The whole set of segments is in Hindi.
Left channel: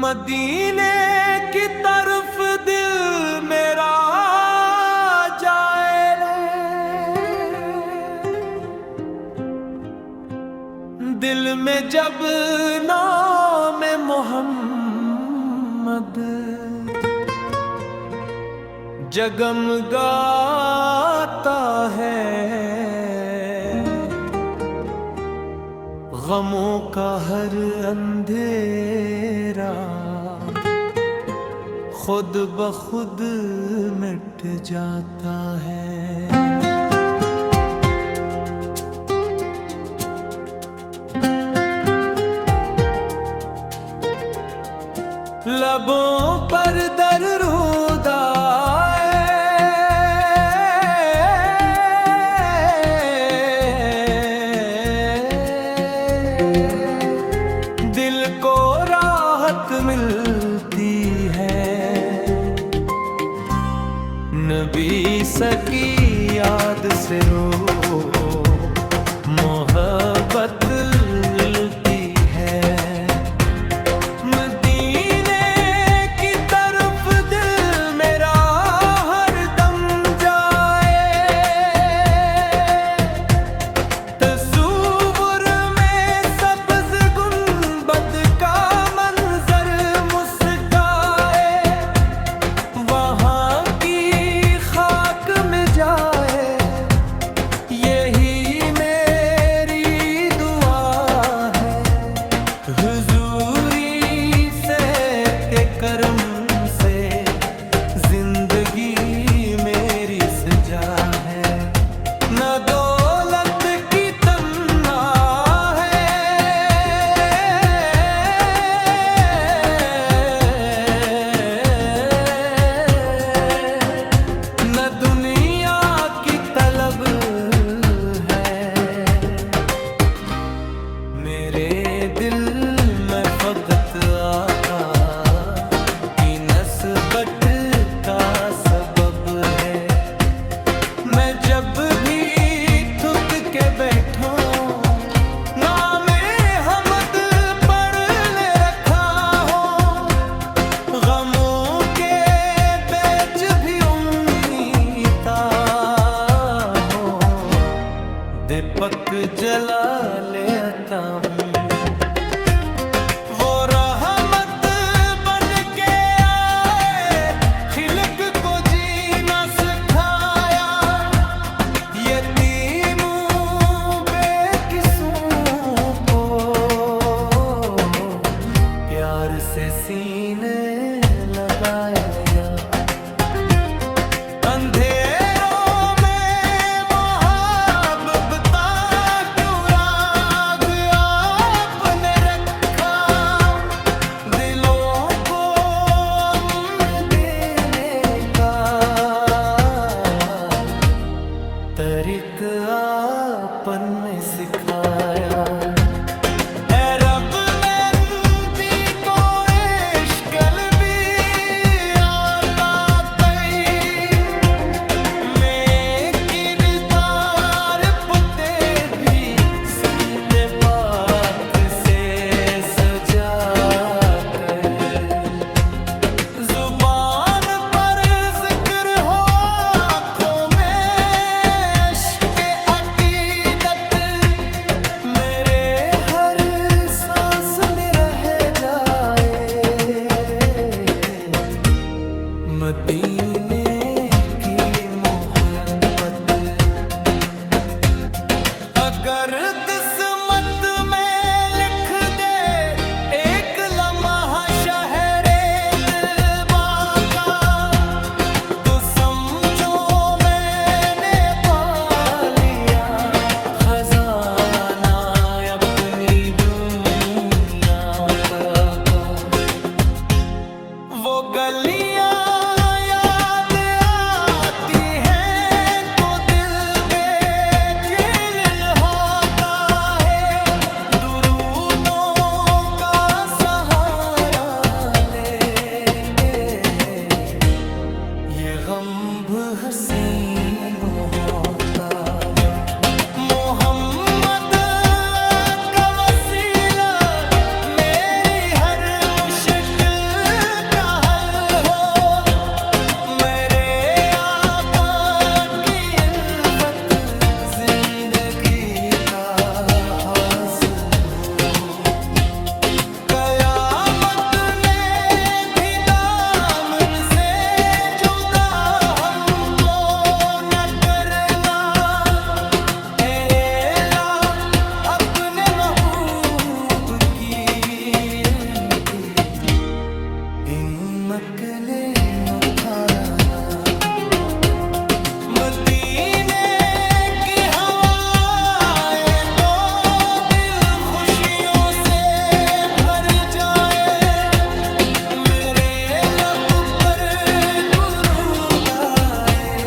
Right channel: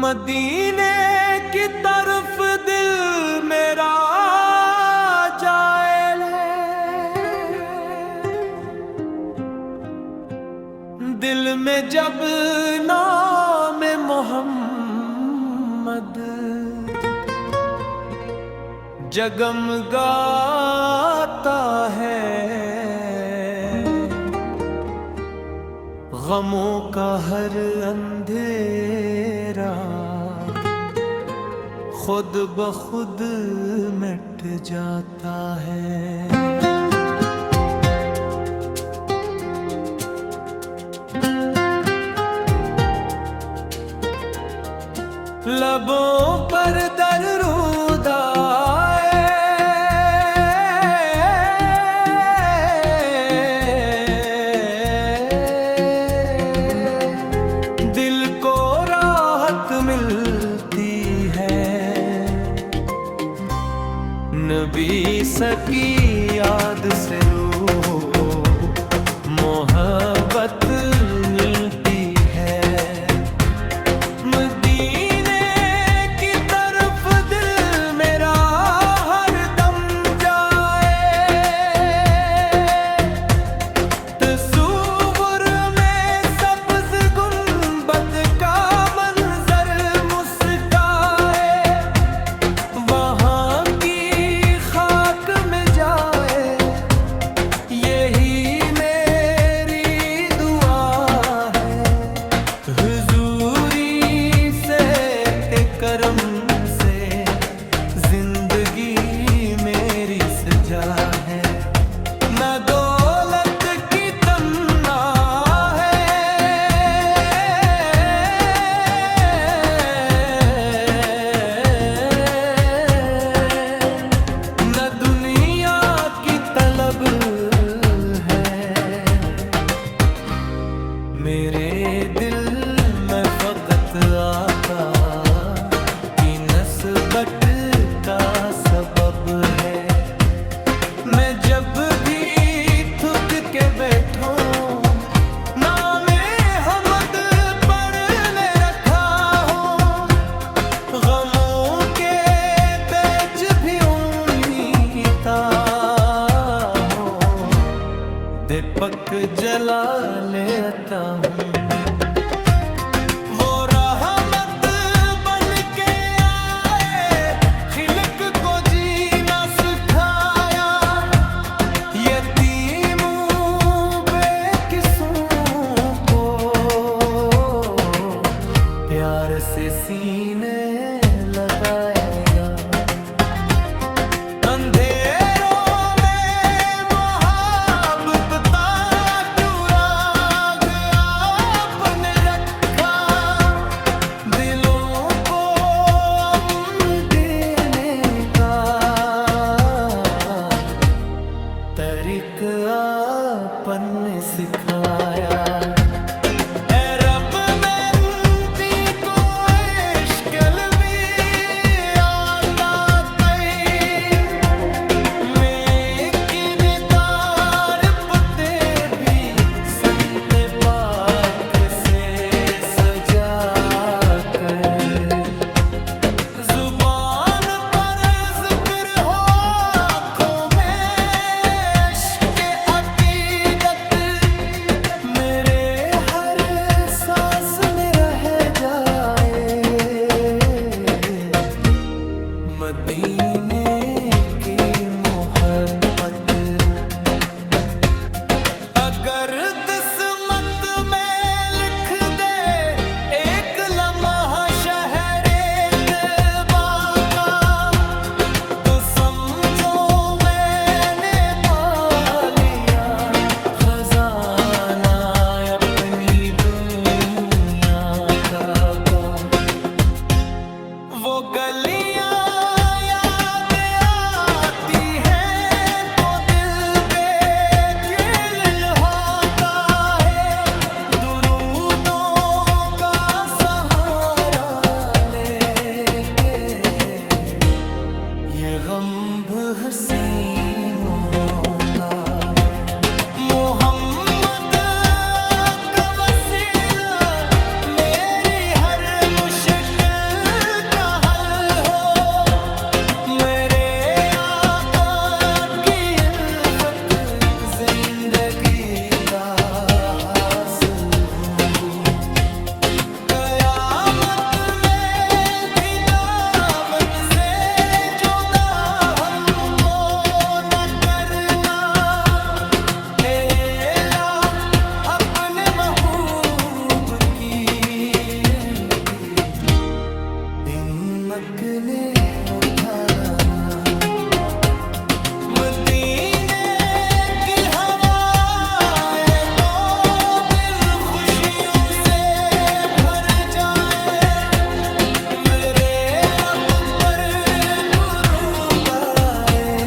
मदीने की तरफ दिल मेरा जाए ले, दिल में जब नाम मोहम्मद जगमगाता है, गमों का हर अंधेरा खुद ब खुद मिट जाता है। लबों पर दरूद आए, दिल को राहत मिलती है, नबी सकी याद से रूह मोहब्बत मिलती है। मदीने की तरफ दिल मेरा हर दम जाए, तस्वुर में सब्ज़ गुंबद का मंजर मुस्काए, वहाँ की खाक में जाए, यही मेरी दुआ है। हुजूरी से के करम से जिंदगी मेरी सजा है, न दौलत की तमन्ना है, न दुनिया की तलब है। मेरे दिल में फकत आका की नस्बत का सबब है। मैं जब भी थक के बैठूं नामे हमद पढ़ने रखा हो, गमों के बेच भी उम्मीदा हो, दीपक जला लेता हूँ। वो रहमत बन के आए, खिलक को जीना सिखाया, यतीमों बेकिसों को प्यार से सीने लगाया। अंधेरों में मोहब्बत क्यों राग आपने रखा, दिलों को अमन देने का तरीका आपने सिखाया। ऐ रब मेरी को इश्क भी आता कई, मैं किरदार पुते भी संत पाक से सजा कर, जुबान पर जिक्र हो आँखों में इश्क अकीदत, मेरे नकले उठाया ना। मदीने की हवाएं तो दिल खुशियों से भर जाए, मेरे लब पर दुरूद आए,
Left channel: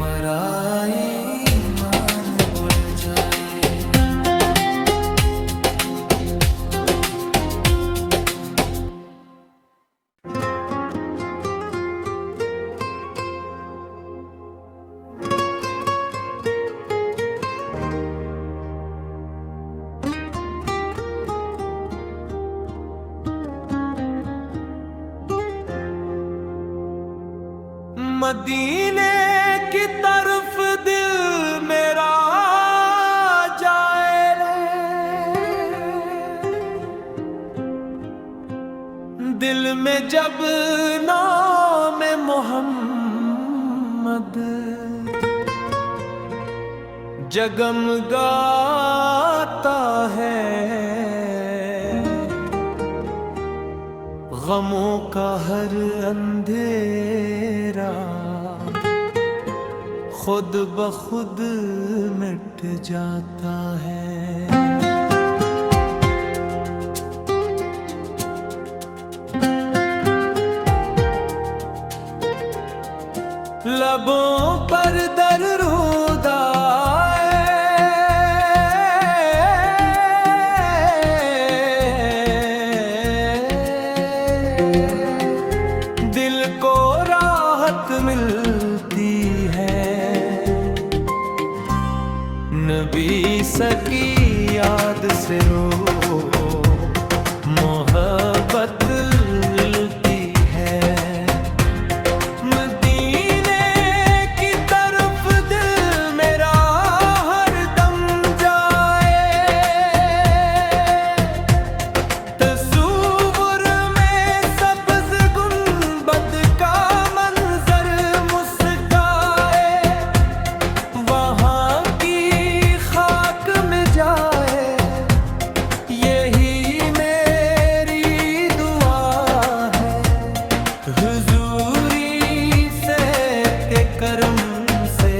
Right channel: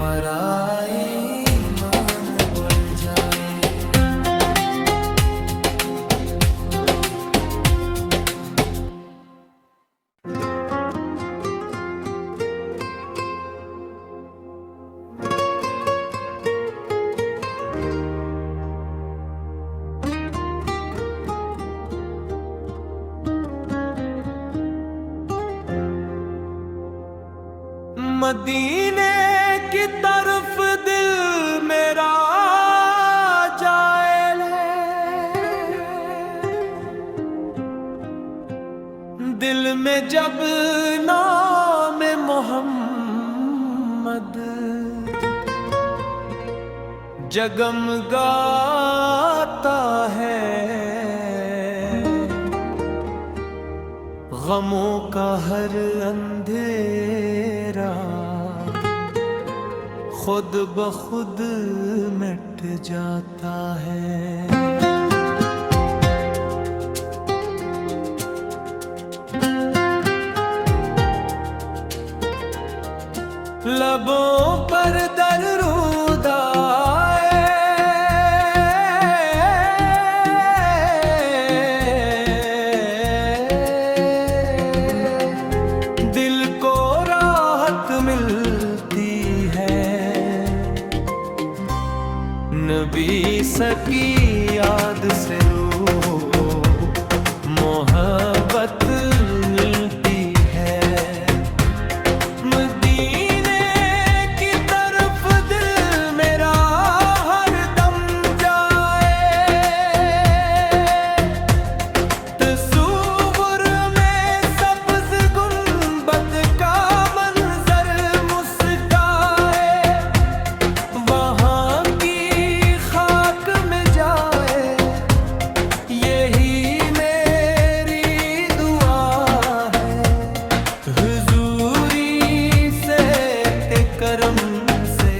मराई ईमान बुल जाए। मदीने की तरफ दिल मेरा जाए ले, दिल में जब नाम मोहम्मद जगमगाता है, गमों का हर अंधेरा खुद ब खुद मिट जाता है। लबों पर दरूद आए, दिल को राहत मिलती है, नबी सकी याद से रूह मोहब्बत मिलती है। मदीने की तरफ दिल मेरा हर दम जाए, तस्वुर में सब्ज़ गुंबद का मंजर मुस्काए, वहाँ की खाक में जाए, यही मेरी दुआ है। हुजूरी से के करम से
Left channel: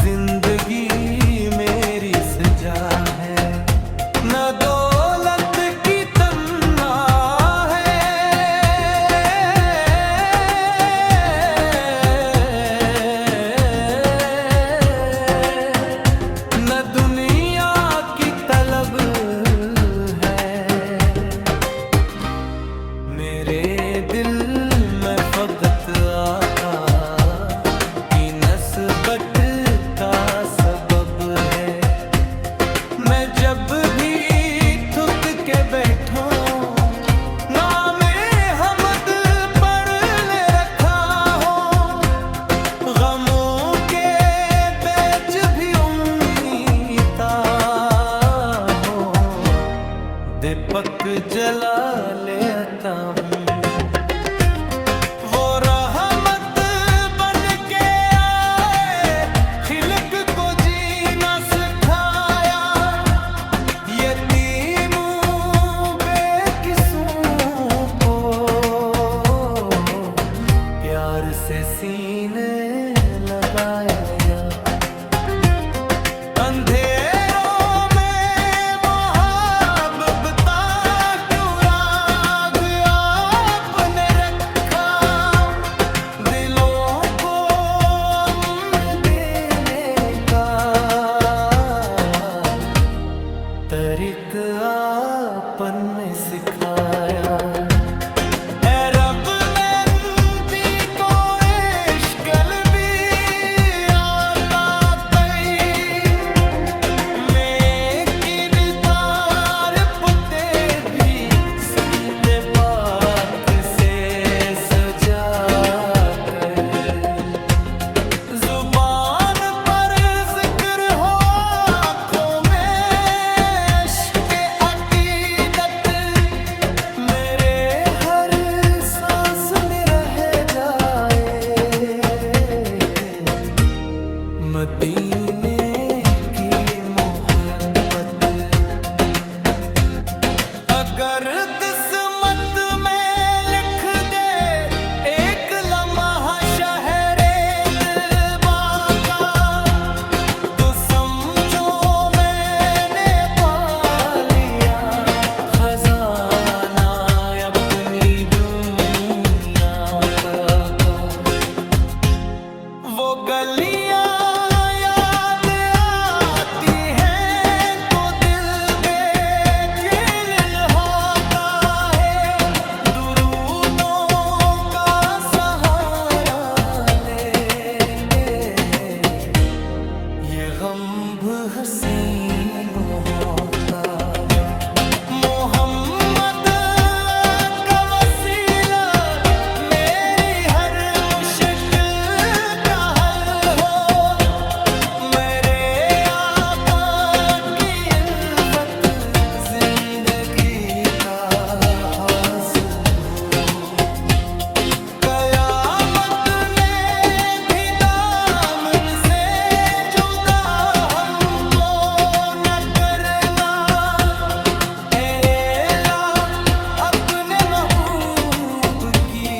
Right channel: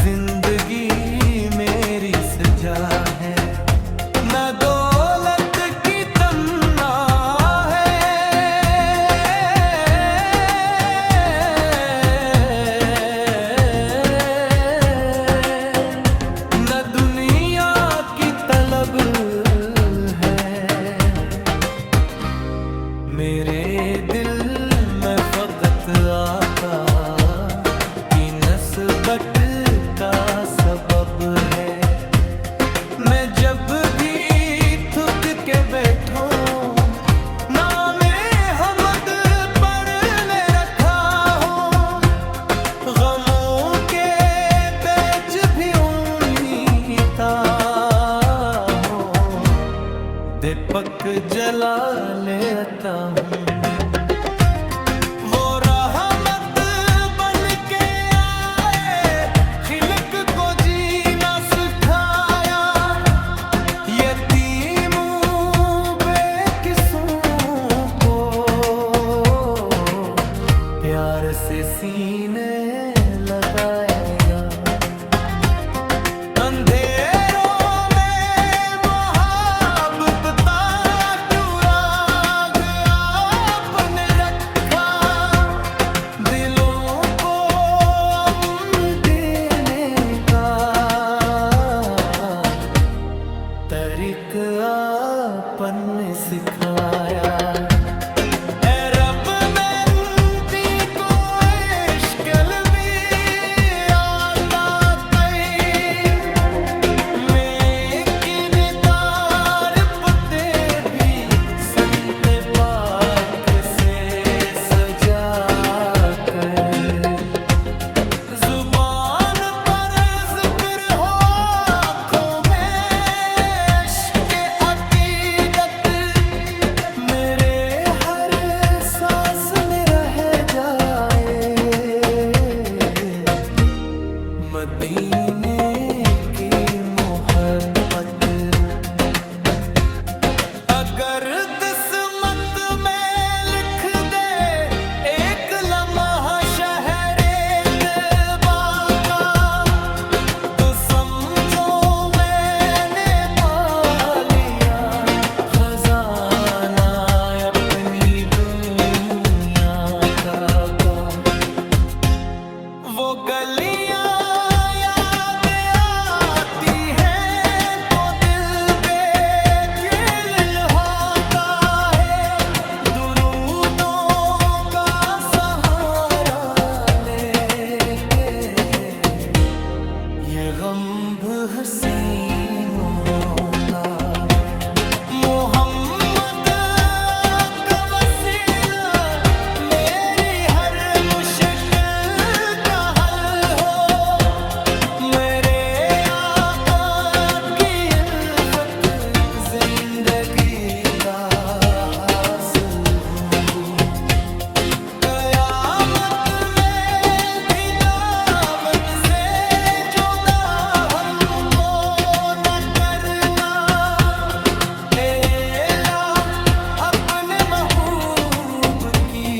जिंदगी मेरी सजा है, न दौलत की तमन्ना है, न दुनिया की तलब है। मेरे दिल में फकत आका की नस्बत का सबब है, मैं जब भी थक के बैठूं नामे हमद पढ़ने रखा हो, गमों के बेच भी उम्मीदा हो, दीपक जला ले आता हूँ। वो रहमत बन के आए, खिलक को जीना सिखाया, यतीमों बेकिसों को प्यार से सीने लगाया। अंधेरों में मोहब्बता क्यों राग आपने रखा, दिलों को अमन देने का तरीका आपने सिखाया। ऐ रब मेरी को इश्क भी आता तई, मैं किरदार पुते भी संत पाक से सजा कर, जुबान पर जिक्र हो आँखों में इश्क़ अक़ीदत, मेरे हर सांस में रह जाए, मदीने की मोहब्बत। अगर जिस्म होता है। मोहम्मद का वसीला मेरी हर मुश्किल का हल हो, मेरे आका की इल्फत जिंदगी का हासिल हो। कयामत में भी दामन से जुदा हमको न करना, एला अपने महबूब की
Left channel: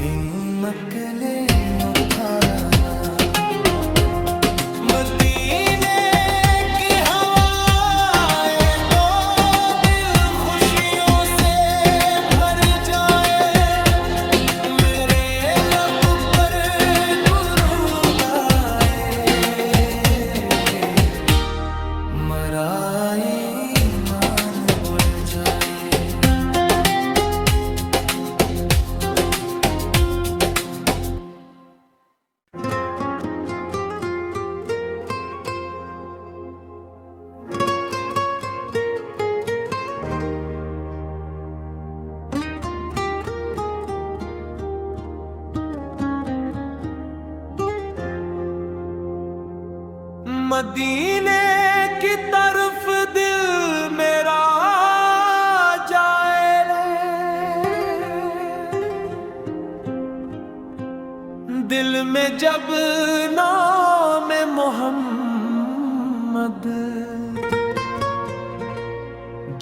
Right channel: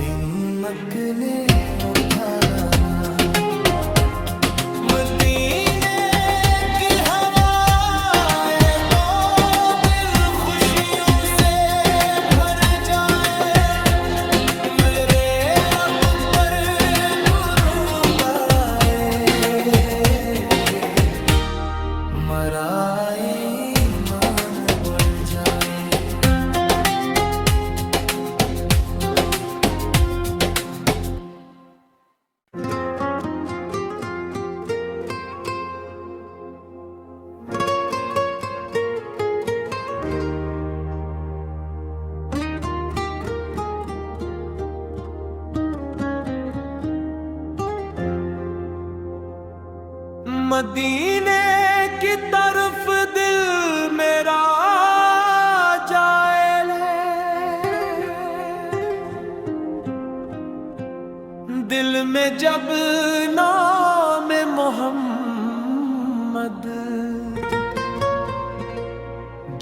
हिम्मत ने उठाना। मदीने की हवाएं तो दिल खुशियों से भर जाए, मेरे लब पर दुरूद आए, मरा ईमान बुझ जाए। मदीने की तरफ दिल मेरा जाए ले, दिल में जब नाम मोहम्मद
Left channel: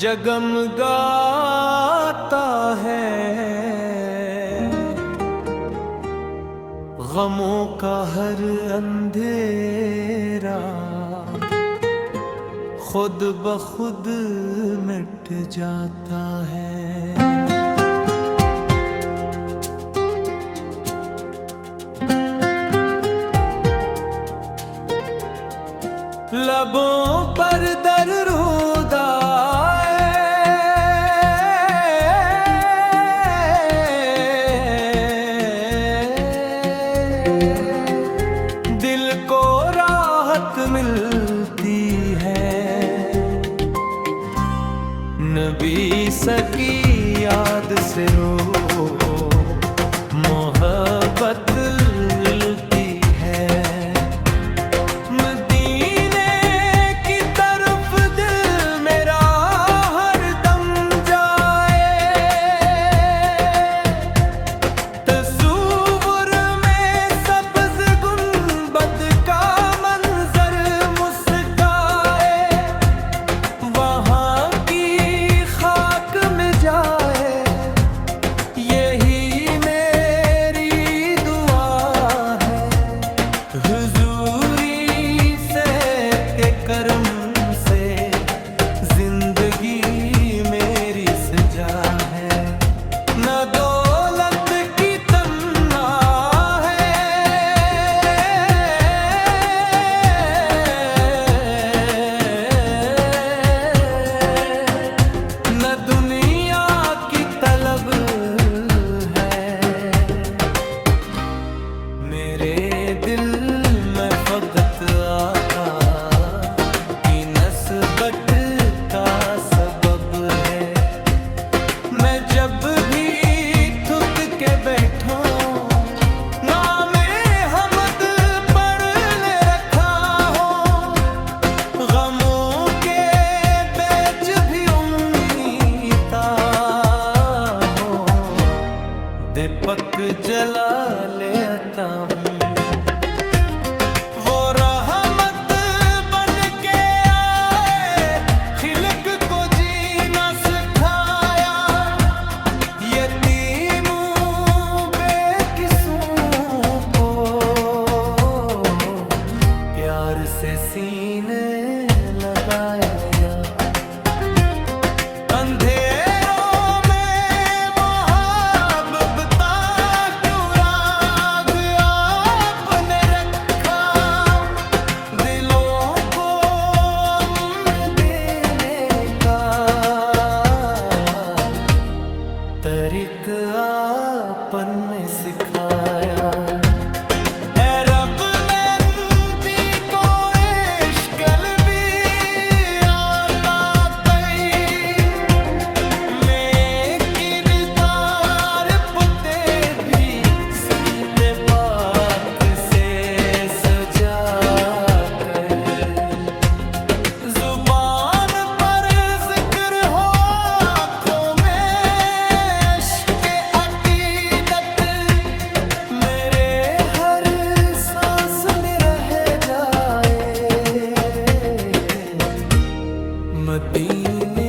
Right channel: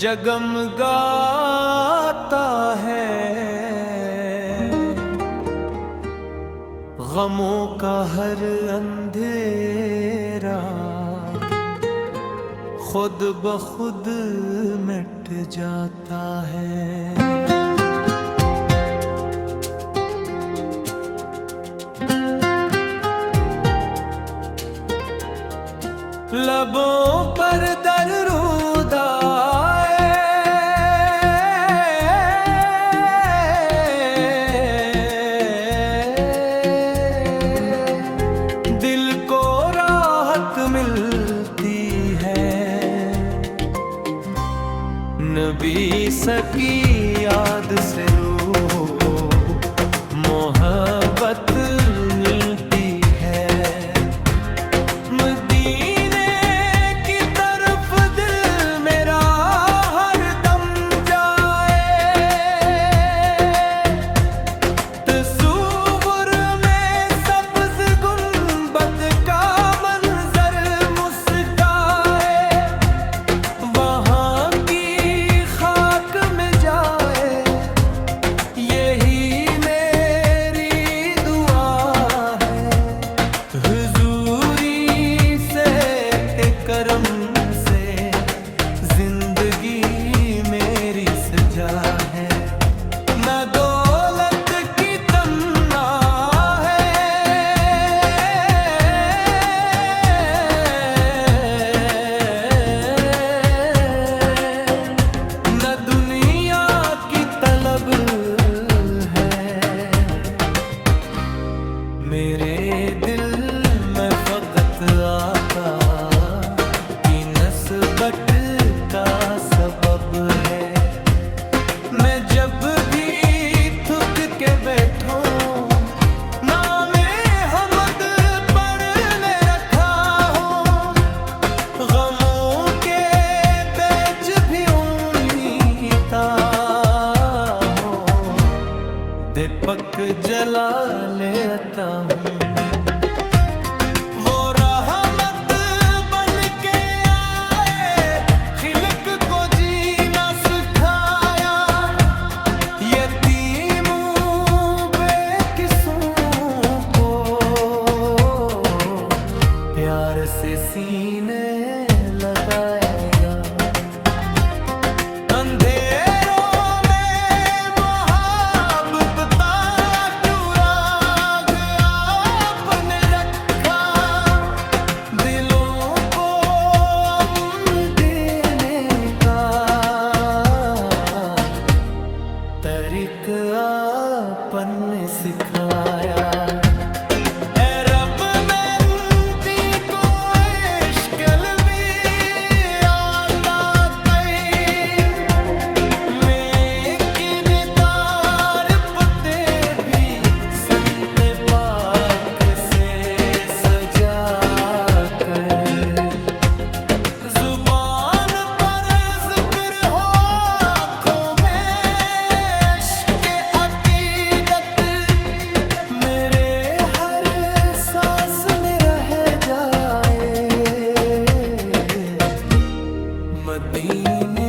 जगमगाता है, गमों का हर अंधेरा खुद ब खुद मिट जाता है। लबों पर दरूद आए, दिल को राहत मिलती है, नबी सकी याद से रूह मोहब्बत मिलती है। मदीने की तरफ दिल मेरा हर दम जाए, तस्वुर में सब्ज़ गुंबद का मंजर मुस्काए, वहाँ की खाक में जाए, यही मेरी दुआ है। हुजूरी से के करम से जिंदगी मेरी सजा है, न दौलत की तमन्ना है, न दुनिया की तलब है। मेरे दिल में फकत आका की नस्बत का सबब है। मैं जब भी थक के बैठूं, नामे हमद पढ़ने रखा हो, गमों के बेच भी उम्मीदा हो, दीपक जला ले आता हूँ। वो रहमत बन के आए, खिलक को जीना सिखाया, यतीमों बेकिसों को प्यार से सीने लगाया। अंधेरों में मोहब्बत क्यों राग आपने रखा, दिलों को अमन देने का तरीक आपने सिखाया। ए रब, मैं मदीने